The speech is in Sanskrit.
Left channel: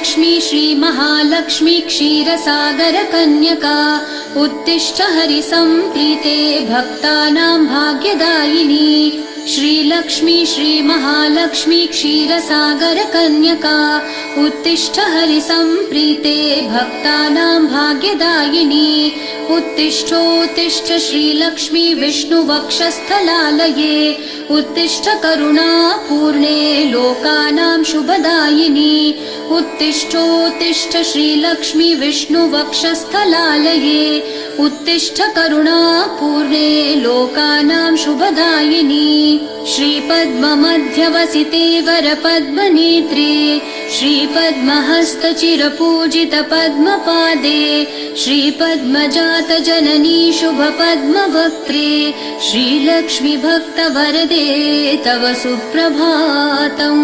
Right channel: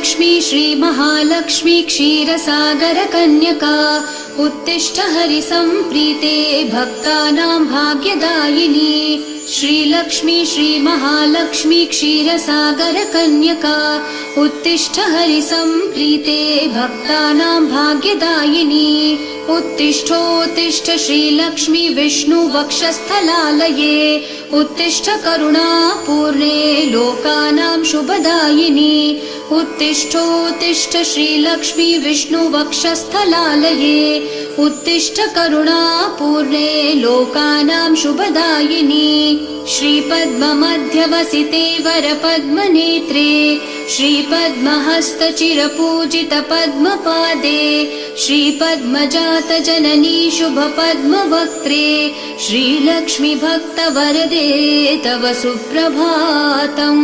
श्रीलक्ष्मी श्रीमहालक्ष्मी क्षीरसागरकन्यका उत्तिष्ठ हरिसम्प्रीते भक्तानां भाग्यदायिनी। श्रीलक्ष्मी श्रीमहालक्ष्मी क्षीरसागरकन्यका उत्तिष्ठ हरिसम्प्रीते भक्तानां भाग्यदायिनी। उत्तिष्ठोत्तिष्ठ श्रीलक्ष्मी विष्णुवक्षस्थलालये उत्तिष्ठ करुणापूर्णे लोकानां शुभदायिनी। उत्तिष्ठोत्तिष्ठ श्रीलक्ष्मी विष्णुवक्षस्थलालये उत्तिष्ठ करुणापूर्णे लोकानां शुभदायिनी। श्रीपद्ममध्यवसिते वरपद्मनेत्रे श्रीपद्महस्तचिरपूजित पद्मपादे श्रीपद्मजातजननी शुभपद्मवक्त्रे श्रीलक्ष्मी भक्तवरदे तव सुप्रभातम्।